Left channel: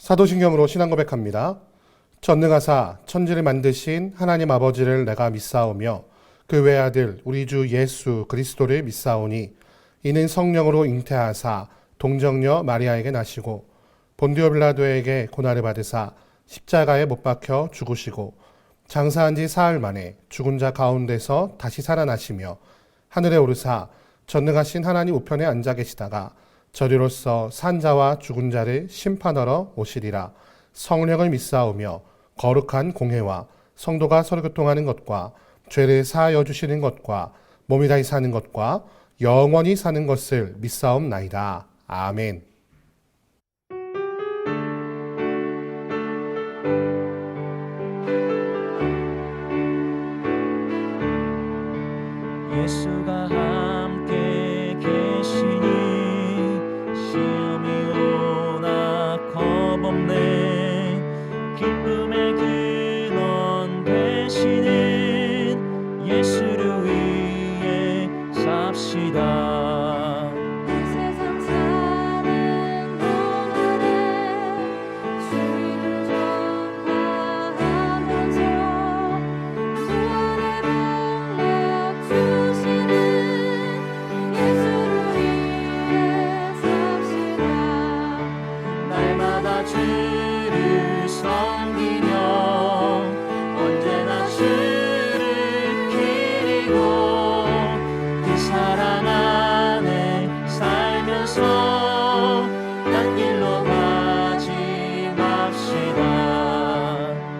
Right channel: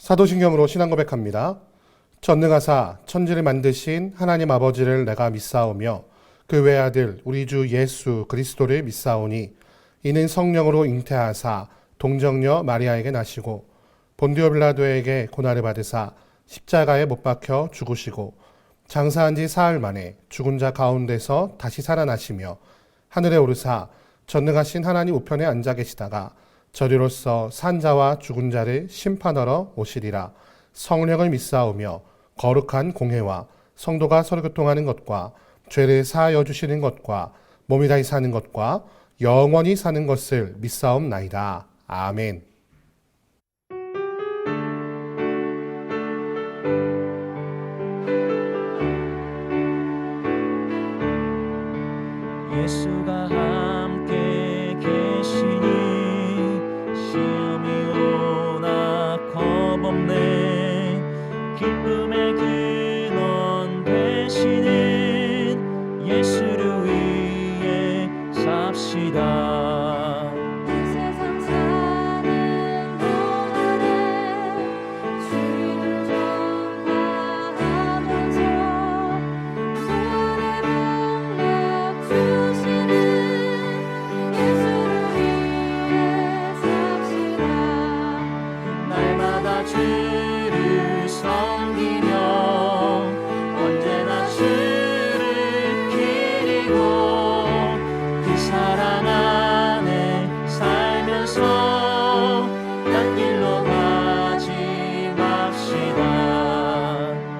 사도신경으로 신앙 고백합니다. 전능하사 천지를 만드신 하나님 아버지를 내가 믿사오며 그 외아들 우리 주 예수 그리스도를 믿사오니 이는 성령으로 잉태하사 동정녀 마리아에게 나시고 본디오 빌라도에게 고난을 받으사 십자가에 못 박혀 죽으시고 장사한 지 사흘 만에 죽은 자 가운데서 다시 살아나시며 하늘에 오르사 전능하신 하나님 우편에 앉아 계시다가 저리로서 산자와 죽은 자를 심판하러 오시리라. 성령을 믿사오며 거룩한 공회와 성도가 서로 교통하는 것과 죄를 사하여 주시는 것과 몸이 다시 사는 것과 영원히 사는 것을 믿사옵나이다. 아멘. 예수가 함께 계시니 시험이 오나 겁없네. 기쁨의 근원 되시는 예수를 위해 삽시다. 주를 섬기며 언제나 주를 기리고 그 사랑 안에 살면서 딴 길로 가지 맙시다.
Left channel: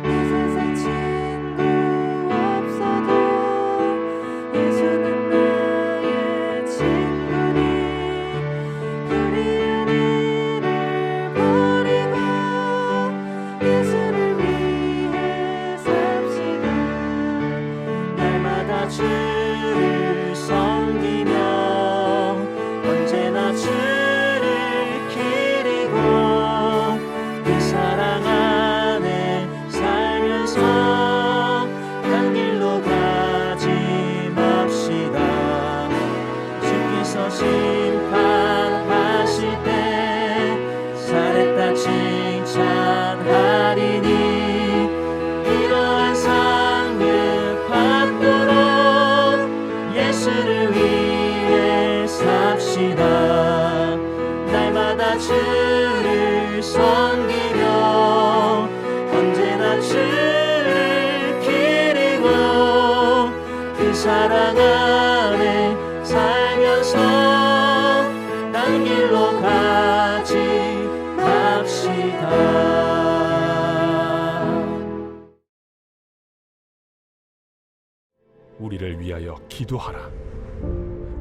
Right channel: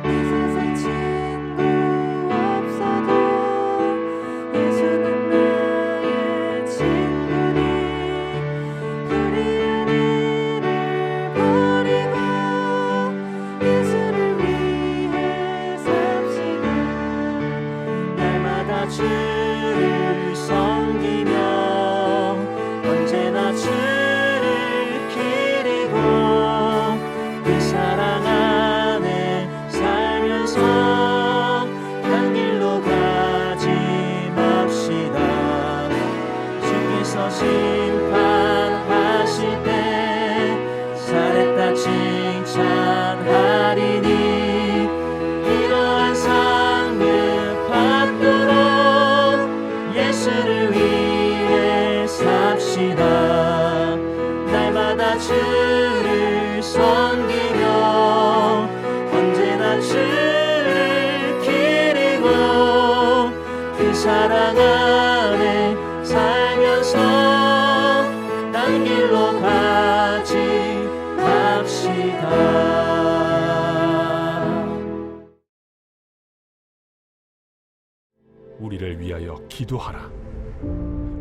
이 세상 친구 없어도 예수는 나의 친구니 불의한 일을 버리고 예수를 위해 삽시다. 날마다 주를 섬기며 언제나 주를 기리고 그 사랑 안에 살면서 딴 길로 가지 맙시다. 주께서 심판하실 때 잘했다 칭찬하리니 이러한 상급 받도록 예수를 위해 삽시다. 날마다 주를 섬기며 언제나 주를 기리고 그 사랑 안에 살면서 딴 길로 가지 맙시다. 우리를 위하여 기도하라.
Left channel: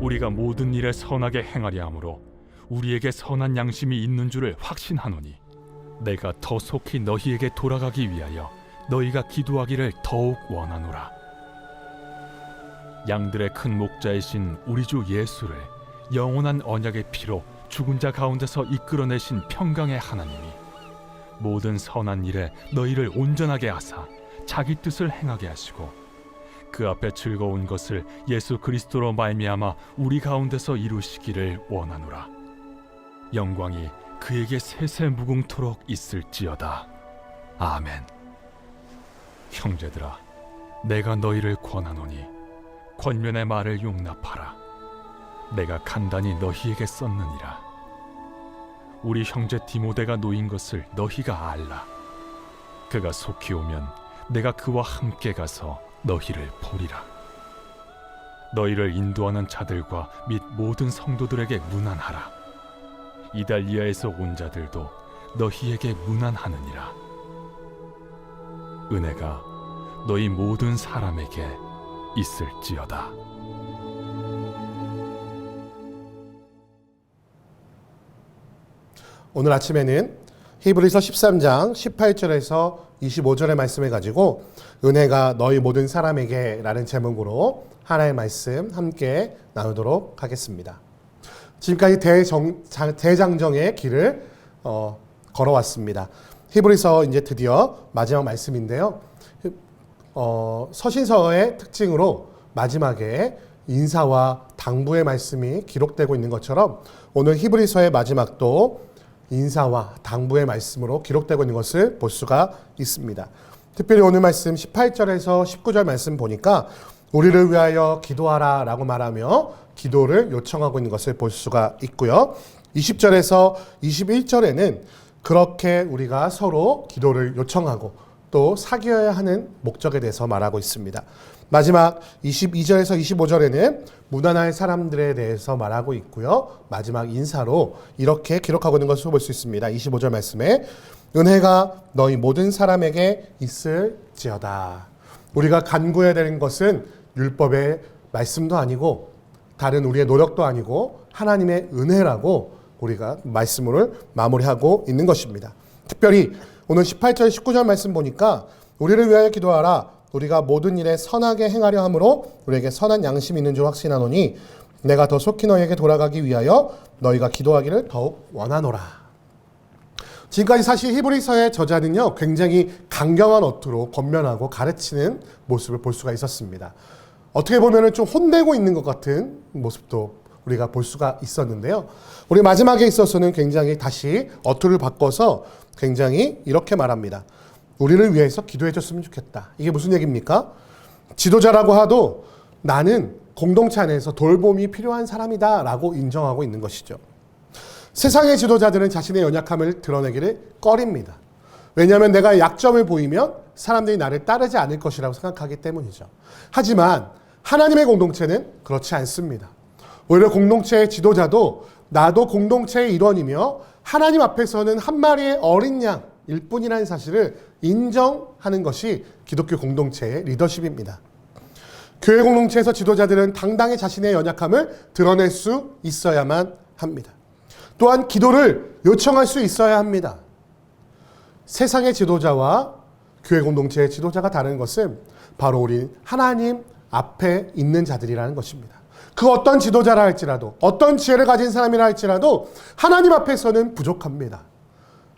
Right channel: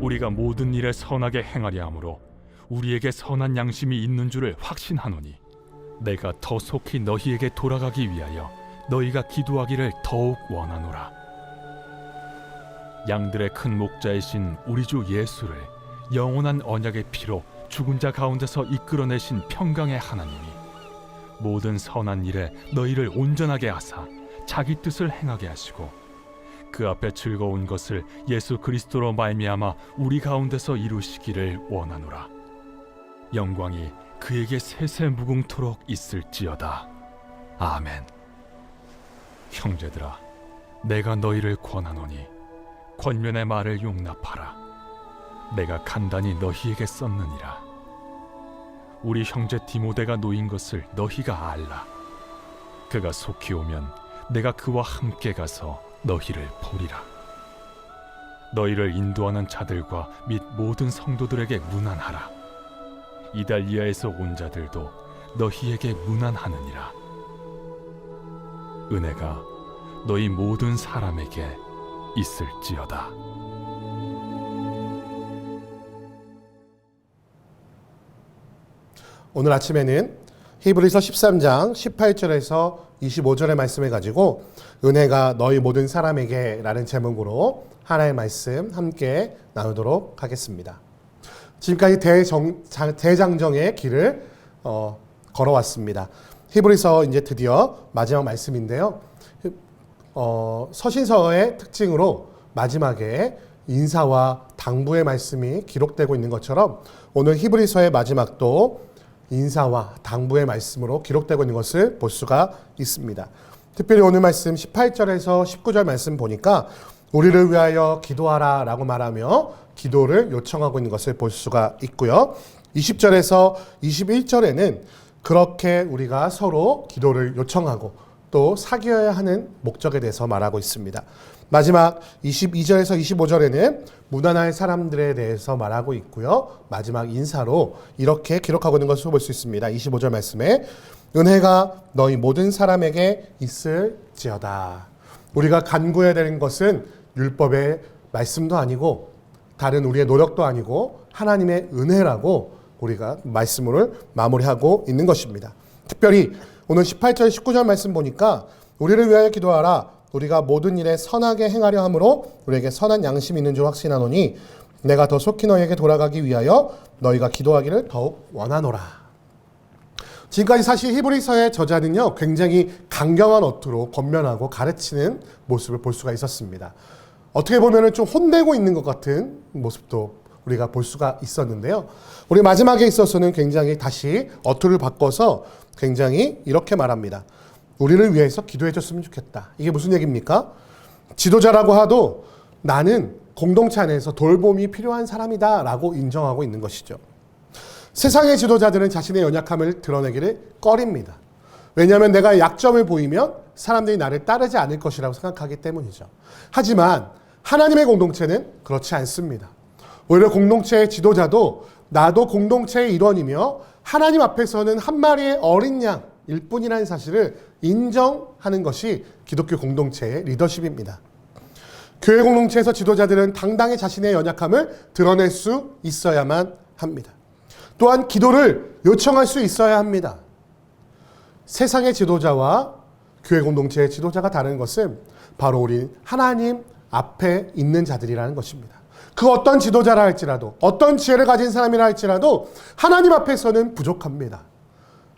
우리가 모든 일에 선하게 행하려 함으로 우리에게 선한 양심이 있는 줄을 확신하노니 내가 더 속히 너희에게 돌아가기 위하여 너희가 기도하기를 더욱 원하노라. 양들의 큰 목자이신 우리 주 예수를 영원한 언약의 피로 죽은 자 가운데서 이끌어내신 평강의 하나님이 모든 선한 일에 너희를 온전하게 하사 자기 뜻을 행하게 하시고 그 앞에 즐거운 것을 예수 그리스도로 말미암아 우리 가운데서 이루시기를 원하노라. 영광이 그에게 세세 무궁토록 있을지어다. 아멘. 형제들아, 내가 너희를 권하노니 권면의 말을 용납하라. 내가 간단히 너희에게 썼느니라. 우리 형제 디모데가 놓인 것을 너희가 알라. 그가 속히 오면 내가 그와 함께 가서 너희를 보리라. 너희를 인도하는 자들과 및 모든 성도들에게 문안하라. 이달리아에서 온 자들도 너희에게 문안하느니라. 은혜가 너희 모든 사람에게 있을지어다. 오늘 아침에는 히브리서 13장 18절에서 25절의 말씀을 가지고 은혜가 너희 모든 사람에게 라는 제목으로 하나의 말씀 함께 나누도록 하겠습니다. 지금까지 대장정의 길을 걸어왔습니다. 히브리서 이제 드디어 마지막 말씀인데요. 서신서의 특징으로 마지막에 인사와 당부의 말씀이 기록되고 있는 것처럼 오늘 히브리서의 마지막도 인사와 당부의 말씀으로 기록되고 있는 것을 볼 수가 있습니다. 특별히 오늘 말씀 18절에서 19절 말씀 보니까 우리를 위하여 기도하라 라고 말하며 기도를 요청하고 있는 것을 볼 수가 있고요. 20절에서 21절에는 그렇게 우리가 서로 기도를 요청하고 또 사귀어야 하는 목적에 대해서 말하고 있습니다. 마지막 22절에서 25절에는 무난할 사람들에 대해서 말하고 있고요. 마지막 인사로 이렇게 기록하고 있는 것을 볼 수 있습니다. 25절 말씀에 은혜가 너희 모든 사람에게 있을지어다. 우리가 간구해야 되는 것은 율법의 말씀도 아니고 다른 우리의 노력도 아니고 하나님의 은혜라고 우리가 말씀을 마무리하고 있는 것입니다. 특별히 오늘 18절 19절 말씀 보니까 우리를 위하여 기도하라. 우리가 모든 일에 선하게 행하려 함으로 우리에게 선한 양심이 있는 줄 확신하노니 내가 더 속히 너희에게 돌아가기 위하여 너희가 기도하기를 더욱 원하노라. 지금까지 사실 히브리서의 저자는요, 굉장히 강경한 어투로 권면하고 가르치는 모습을 볼 수가 있었습니다. 어떻게 보면 좀 혼내고 있는 것 같은 모습도 우리가 볼 수가 있었는데요. 우리 마지막에 있어서는 굉장히 다시 어투를 바꿔서 굉장히 이렇게 말합니다. 우리를 위해서 기도해 줬으면 좋겠다. 이게 무슨 얘기입니까? 지도자라고 하도 나는 공동체 안에서 돌봄이 필요한 사람이다 라고 인정하고 있는 것이죠. 세상의 지도자들은 자신의 연약함을 드러내기를 꺼립니다. 왜냐하면 내가 약점을 보이면 사람들이 나를 따르지 않을 것이라고 생각하기 때문이죠. 하지만 하나님의 공동체는 그렇지 않습니다. 오히려 공동체의 지도자도 나도 공동체의 일원이며 하나님 앞에서는 한 마리의 어린 양일 뿐이라는 사실을 인정하는 것이 기독교 공동체의 리더십입니다. 교회 공동체에서 지도자들은 당당히 자신의 연약함을 드러낼 수 있어야만 합니다. 또한 기도를 요청할 수 있어야 합니다. 세상의 지도자와 교회 공동체의 지도자가 다른 것은 바로 우리 하나님 앞에 있는 자들이라는 것입니다. 그 어떤 지도자라 할지라도 어떤 지혜를 가진 사람이라 할지라도 하나님 앞에서는 부족합니다.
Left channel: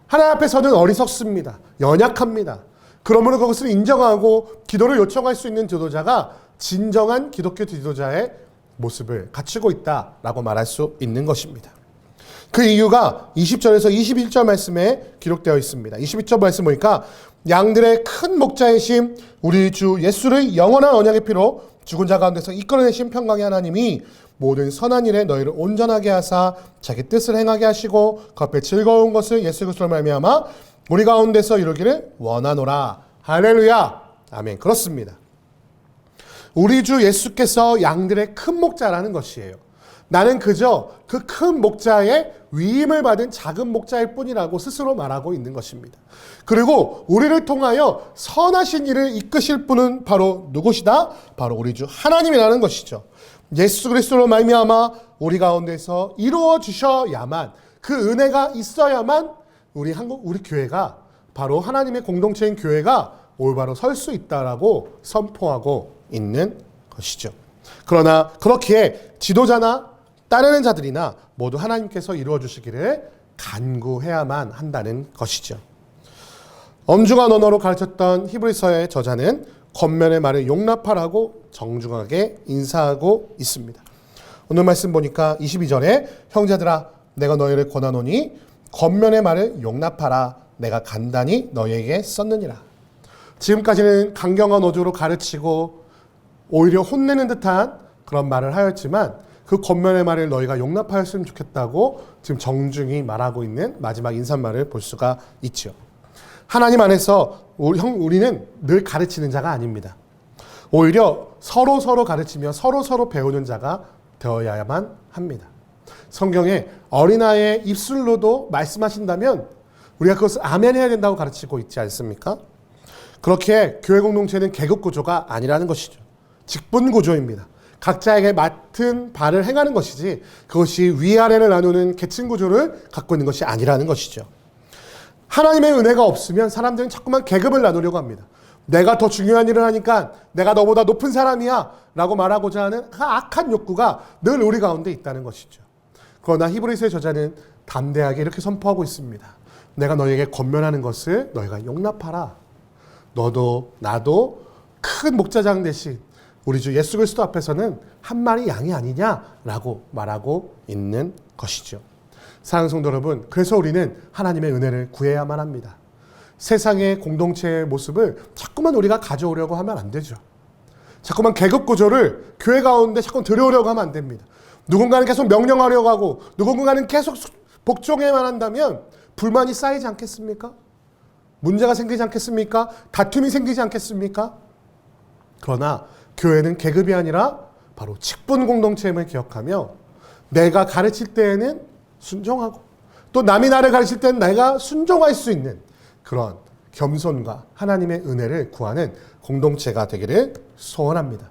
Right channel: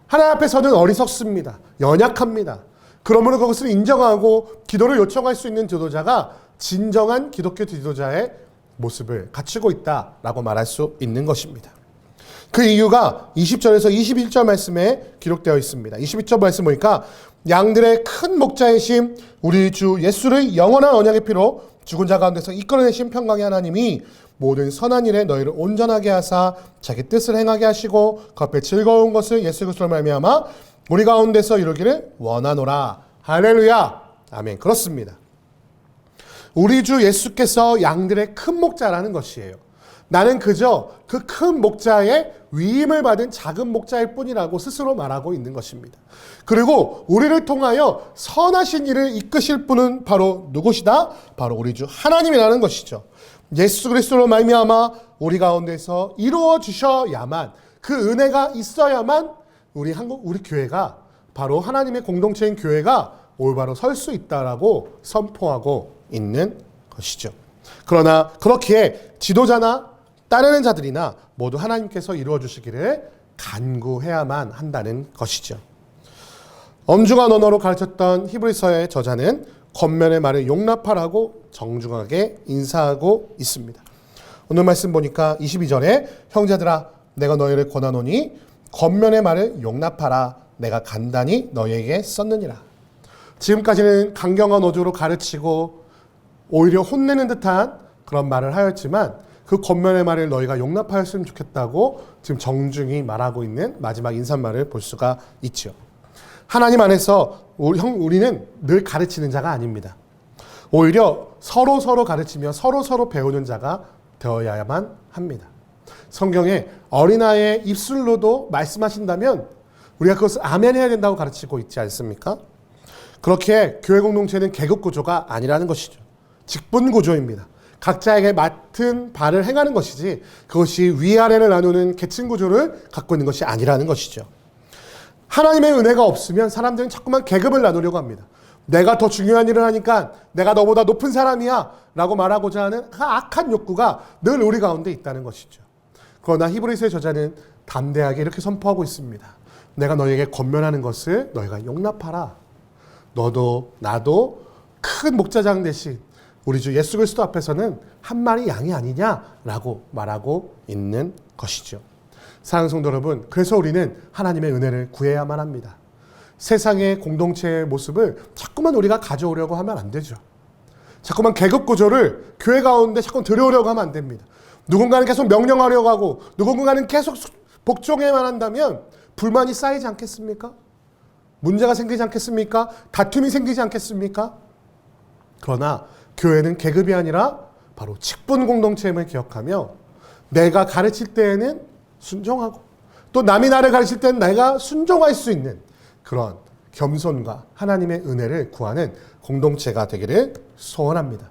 하나님 앞에서는 어리석습니다. 연약합니다. 그러므로 그것을 인정하고 기도를 요청할 수 있는 지도자가 진정한 기독교 지도자의 모습을 갖추고 있다라고 말할 수 있는 것입니다. 그 이유가 20절에서 21절 말씀에 기록되어 있습니다. 21절 말씀 보니까 양들의 큰 목자이신 우리 주 예수를 영원한 언약의 피로 죽은 자 가운데서 이끌어내신 평강의 하나님이 모든 선한 일에 너희를 온전하게 하사 자기 뜻을 행하게 하시고 그 앞에 즐거운 것을 예수 그리스도로 말미암아 우리 가운데서 이루기를 원하노라. 할렐루야. 아멘. 그렇습니다. 우리 주 예수께서 양들의 큰 목자라는 것이에요. 나는 그저 그 큰 목자의 위임을 받은 작은 목자일 뿐이라고 스스로 말하고 있는 것입니다. 그리고 우리를 통하여 선하신 일을 이끄실 분은 바로 누구시다? 바로 우리 주 하나님이라는 것이죠. 예수 그리스도로 말미암아 우리 가운데서 이루어 주셔야만, 그 은혜가 있어야만 우리 교회가, 바로 하나님의 공동체인 교회가 올바로 설 수 있다라고 선포하고 있는 것이죠. 그러나 그렇기에 지도자나 따르는 자들이나 모두 하나님께서 이루어 주시기를 간구해야만 한다는 것이죠. 엄중한 언어로 가르쳤던 히브리서의 저자는 겉면의 말을 용납하라고 정중하게 인사하고 있습니다. 오늘 말씀 보니까 22절에 형제들아 내가 너희를 권하노니 겉면의 말을 용납하라. 내가 간단히 너희에게 썼느니라. 지금까지는 강경한 어조로 가르치고 오히려 혼내는 듯한 그런 말을 하였지만 그 겉면의 말을 너희가 용납하였으면 좋겠다고 지금 정중히 말하고 있는 마지막 인사말을 볼 수가 있죠. 하나님 안에서 우리는 늘 가르치는 자가 아닙니다. 오히려 서로 가르치며 서로 배우는 자가 되어야만 합니다. 성경에 어린아이의 입술로도 말씀하신다면 우리가 그것을 아멘 해야 된다고 가르치고 있지 않습니까? 그렇게 교회 공동체는 계급 구조가 아니라는 것이죠. 직분 구조입니다. 각자에게 맡은 바를 행하는 것이지 그것이 위아래를 나누는 계층 구조를 갖고 있는 것이 아니라는 것이죠. 하나님의 은혜가 없으면 사람들은 자꾸만 계급을 나누려고 합니다. 내가 더 중요한 일을 하니까 내가 너보다 높은 사람이야 라고 말하고자 하는 그 악한 욕구가 늘 우리 가운데 있다는 것이죠. 그러나 히브리서의 저자는 담대하게 이렇게 선포하고 있습니다. 내가 너희에게 권면하는 것을 너희가 용납하라. 너도 나도 큰 목자장 대신 우리 주 예수 그리스도 앞에서는 한 마리 양이 아니냐라고 말하고 있는 것이죠. 사랑하는 성도 여러분, 그래서 우리는 하나님의 은혜를 구해야만 합니다. 세상의 공동체의 모습을 자꾸만 우리가 가져오려고 하면 안 되죠. 자꾸만 계급 구조를 교회 가운데 자꾸 들여오려고 하면 안 됩니다. 누군가는 계속 명령하려고 하고 누군가는 계속 복종해만 한다면 불만이 쌓이지 않겠습니까? 문제가 생기지 않겠습니까? 다툼이 생기지 않겠습니까? 그러나 교회는 계급이 아니라 바로 직분 공동체임을 기억하며 내가 가르칠 때에는 순종하고 또 남이 나를 가르칠 때는 내가 순종할 수 있는 그런 겸손과 하나님의 은혜를 구하는 공동체가 되기를 소원합니다.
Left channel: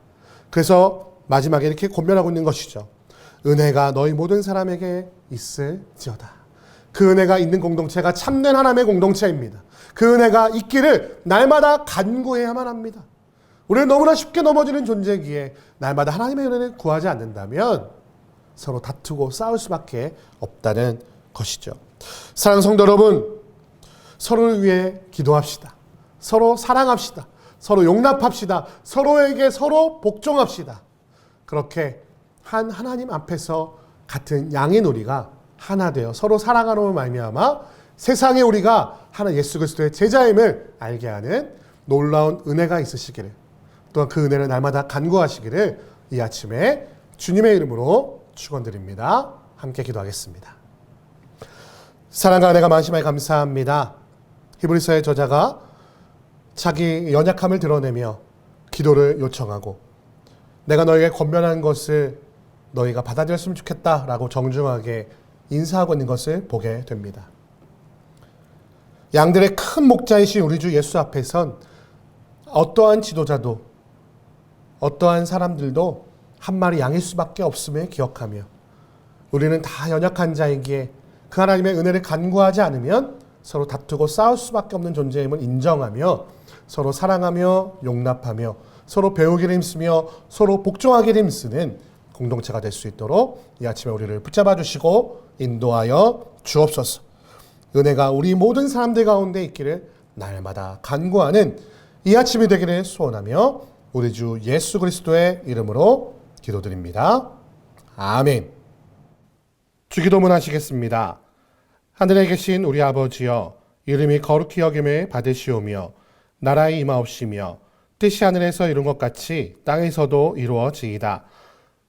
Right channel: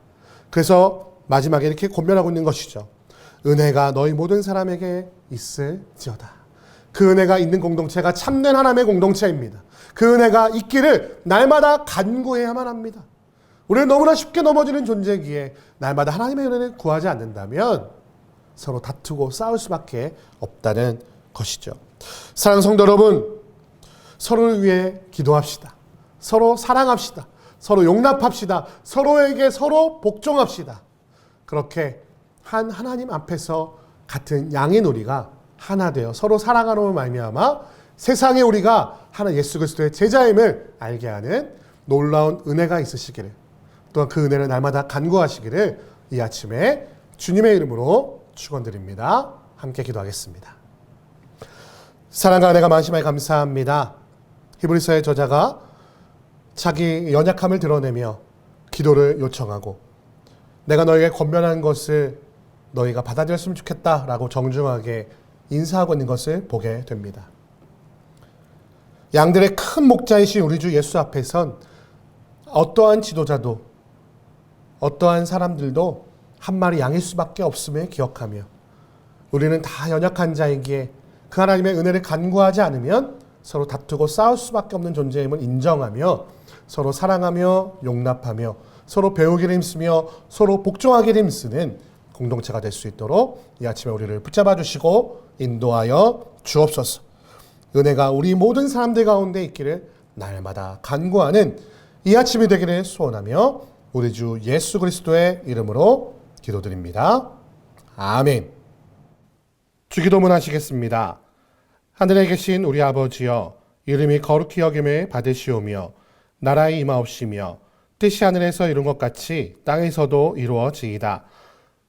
그래서 마지막에 이렇게 권면하고 있는 것이죠. 은혜가 너희 모든 사람에게 있을지어다. 그 은혜가 있는 공동체가 참된 하나님의 공동체입니다. 그 은혜가 있기를 날마다 간구해야만 합니다. 우리는 너무나 쉽게 넘어지는 존재이기에 날마다 하나님의 은혜를 구하지 않는다면 서로 다투고 싸울 수밖에 없다는 것이죠. 사랑하는 성도 여러분, 서로를 위해 기도합시다. 서로 사랑합시다. 서로 용납합시다. 서로에게 서로 복종합시다. 그렇게 한 하나님 앞에서 같은 양의 놀이가 하나 되어 서로 사랑하는 말미암아 세상에 우리가 하나 예수 그리스도의 제자임을 알게 하는 놀라운 은혜가 있으시기를, 또한 그 은혜를 날마다 간구하시기를 이 아침에 주님의 이름으로 축원드립니다. 함께 기도하겠습니다. 사랑과 은혜가 많으심에 감사합니다. 히브리서의 저자가 자기 연약함을 드러내며 기도를 요청하고 내가 너에게 권면하는 것을 너희가 받아들였으면 좋겠다라고 정중하게 인사하고 있는 것을 보게 됩니다. 양들의 큰 목자이신 우리 주 예수 앞에선 어떠한 지도자도 어떠한 사람들도 한 마리 양일 수밖에 없음을 기억하며 우리는 다 연약한 자이기에 그 하나님의 은혜를 간구하지 않으면 서로 다투고 싸울 수밖에 없는 존재임을 인정하며 서로 사랑하며 용납하며 서로 배우기를 힘쓰며 서로 복종하기를 힘쓰는 공동체가 될 수 있도록 이 아침에 우리를 붙잡아 주시고 인도하여 주옵소서. 은혜가 우리 모든 사람들 가운데 있기를 날마다 간구하는 이 아침이 되기를 소원하며 우리 주 예수 그리스도의 이름으로 기도드립니다. 아멘. 주기도문 하시겠습니다. 하늘에 계신 우리 아버지여, 이름이 거룩히 여김을 받으시오며 나라의 임하옵시며 뜻이 하늘에서 이룬 것 같이 땅에서도 이루어지이다.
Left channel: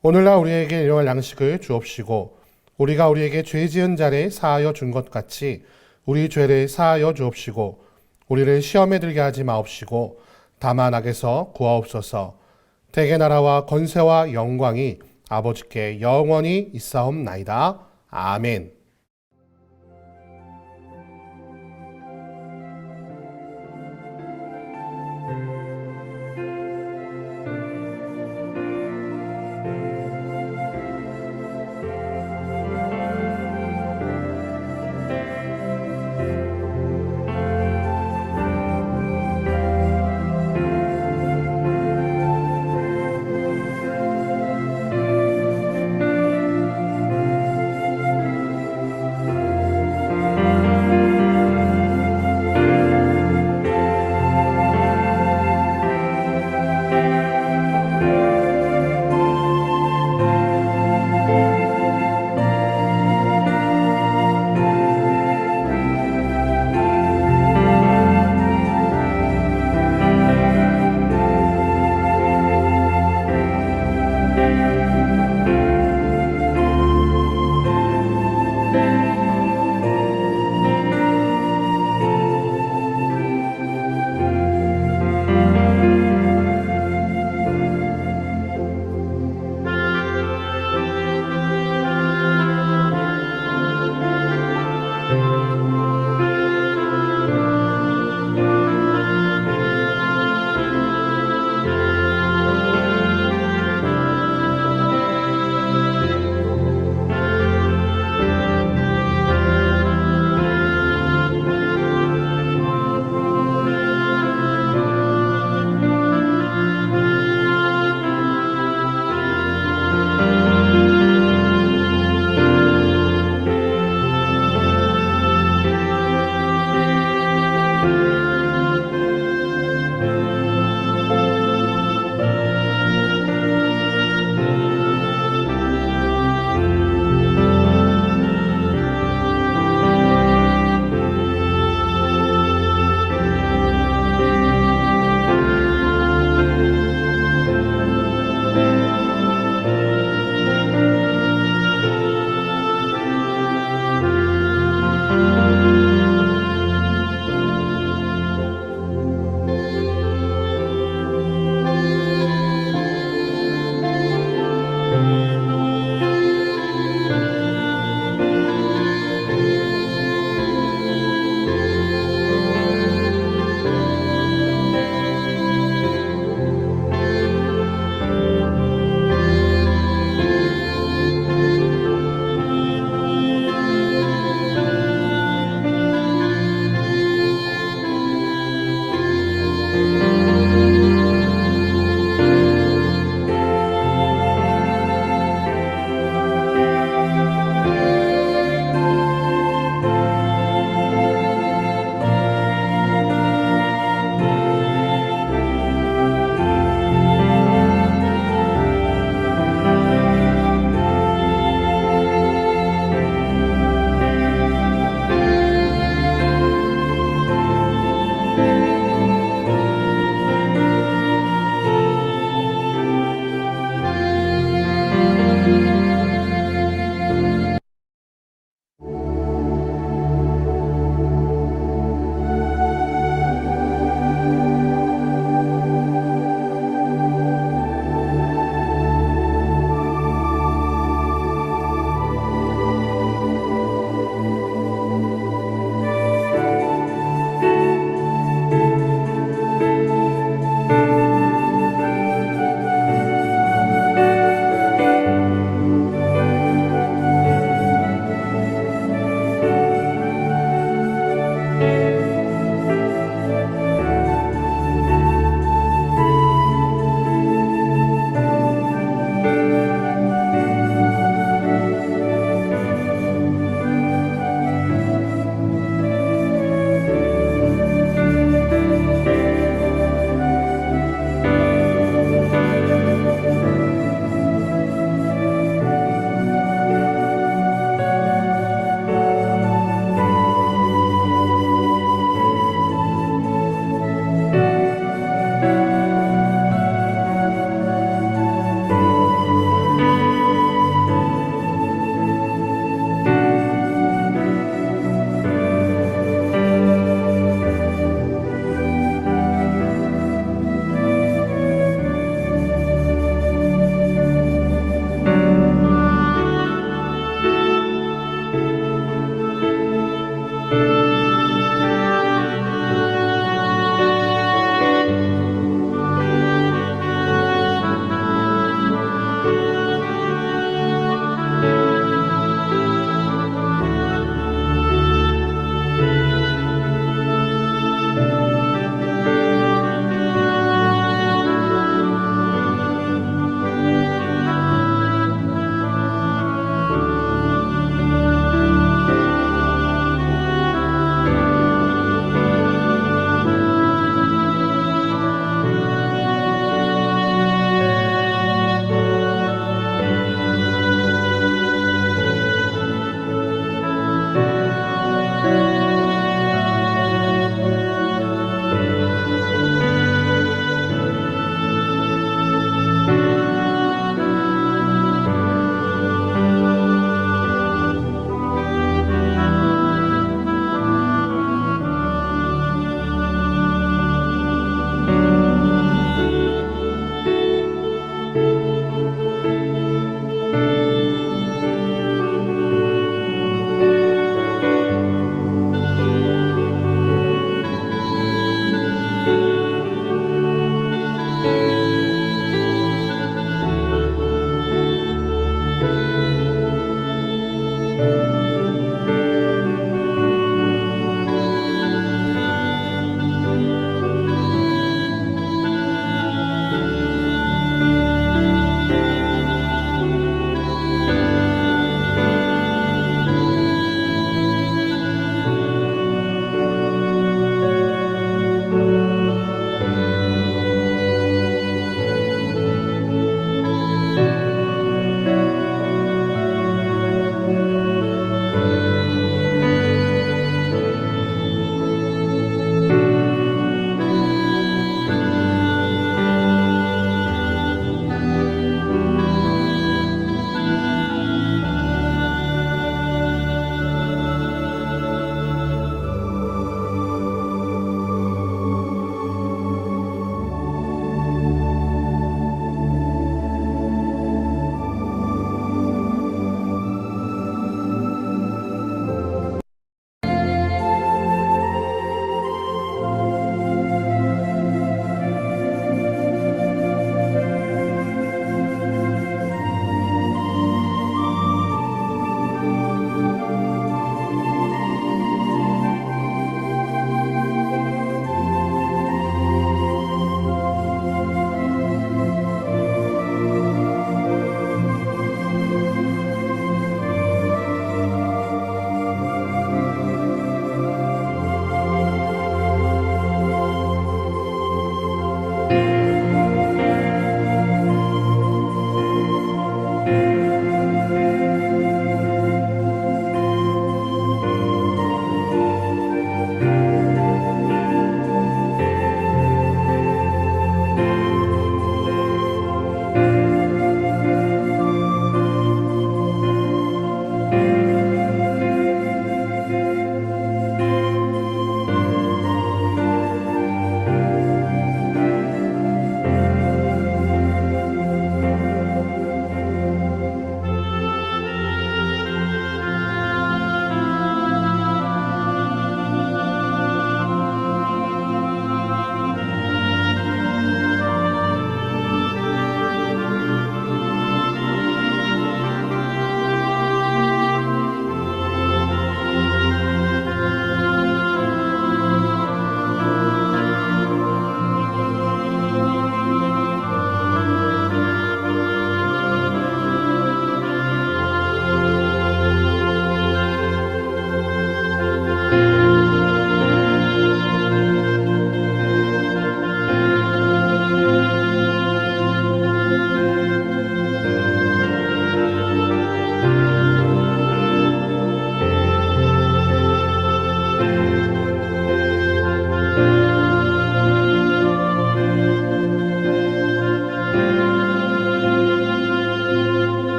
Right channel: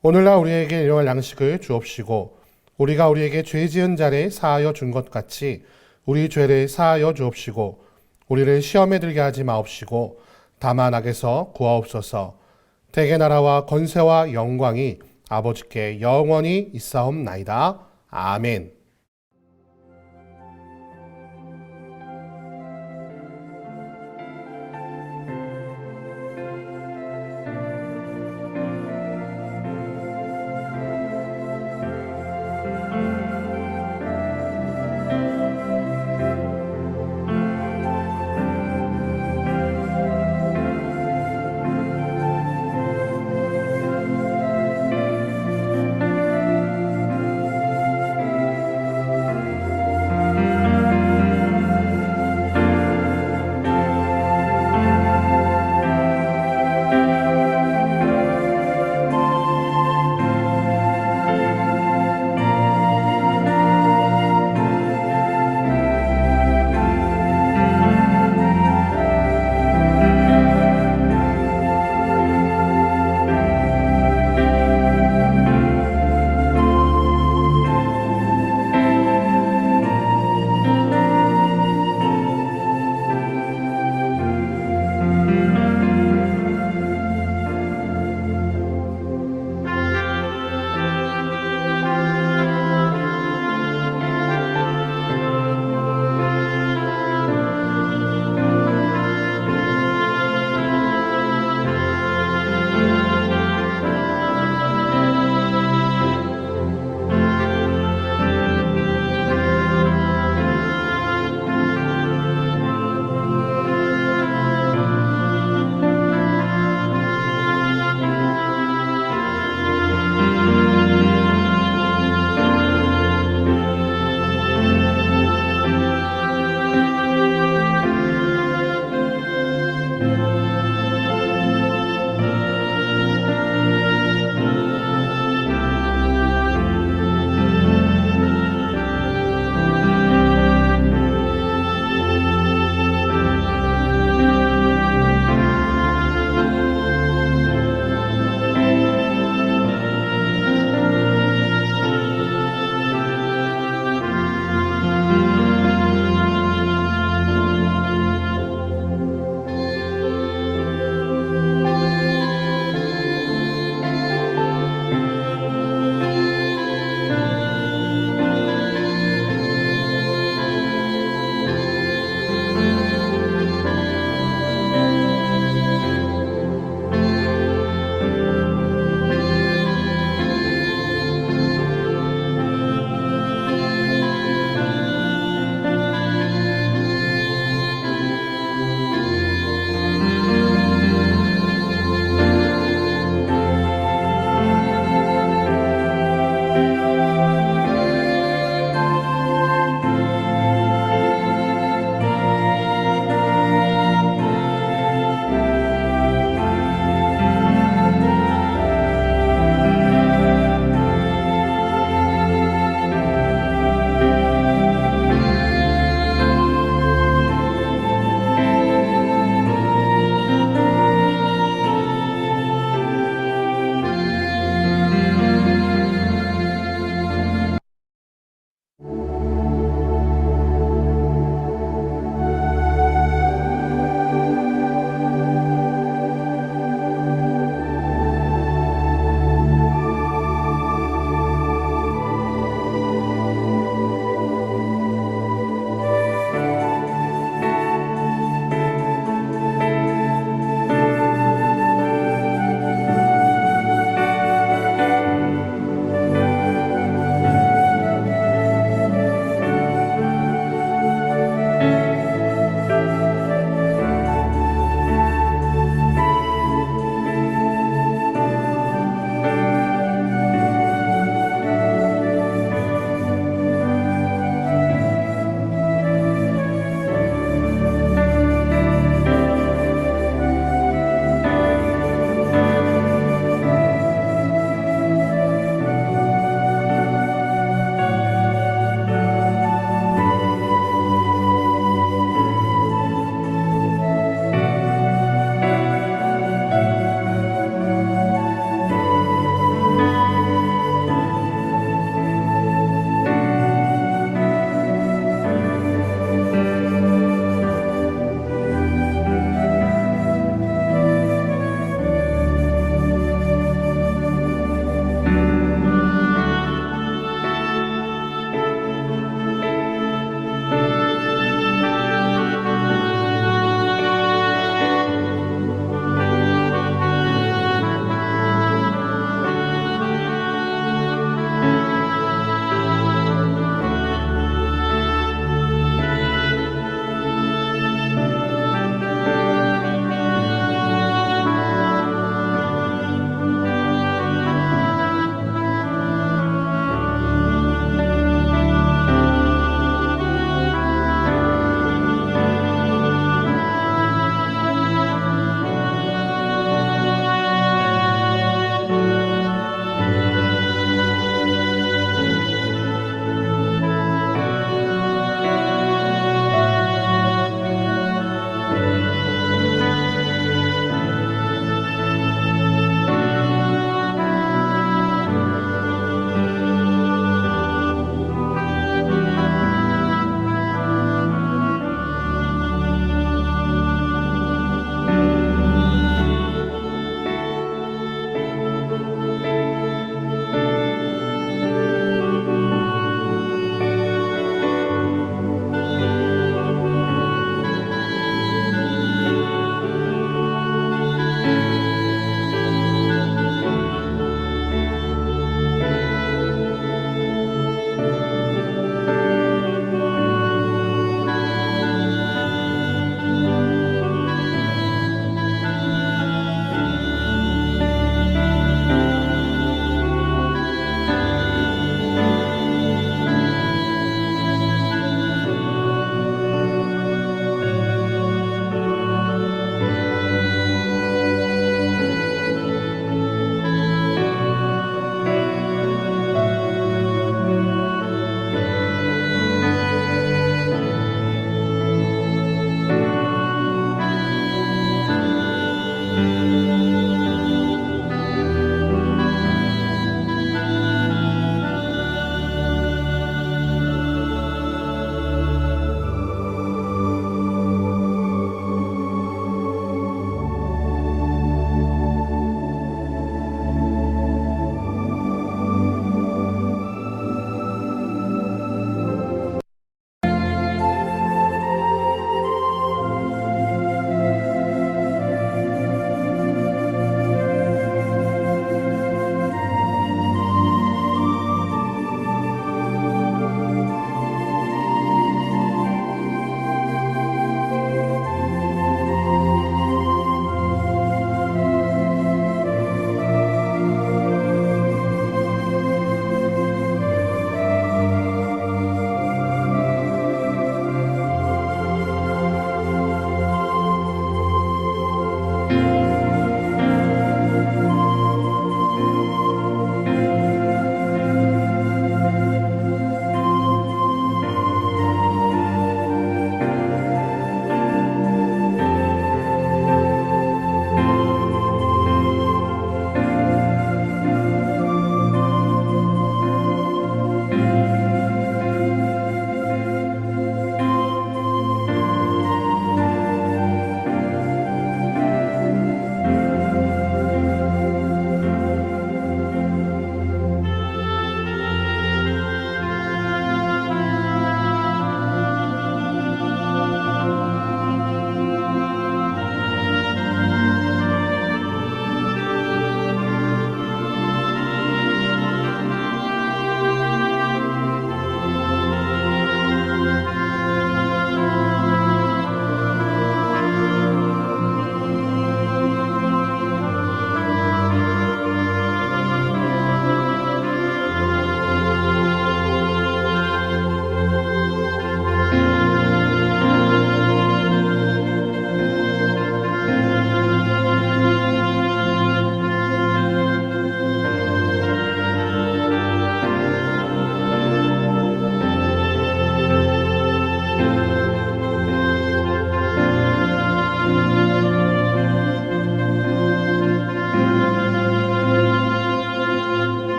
오늘날 우리에게 일용할 양식을 주옵시고 우리가 우리에게 죄 지은 자를 사하여 준 것 같이 우리 죄를 사하여 주옵시고 우리를 시험에 들게 하지 마옵시고 다만 악에서 구하옵소서. 대개 나라와 권세와 영광이 아버지께 영원히 있사옵나이다. 아멘.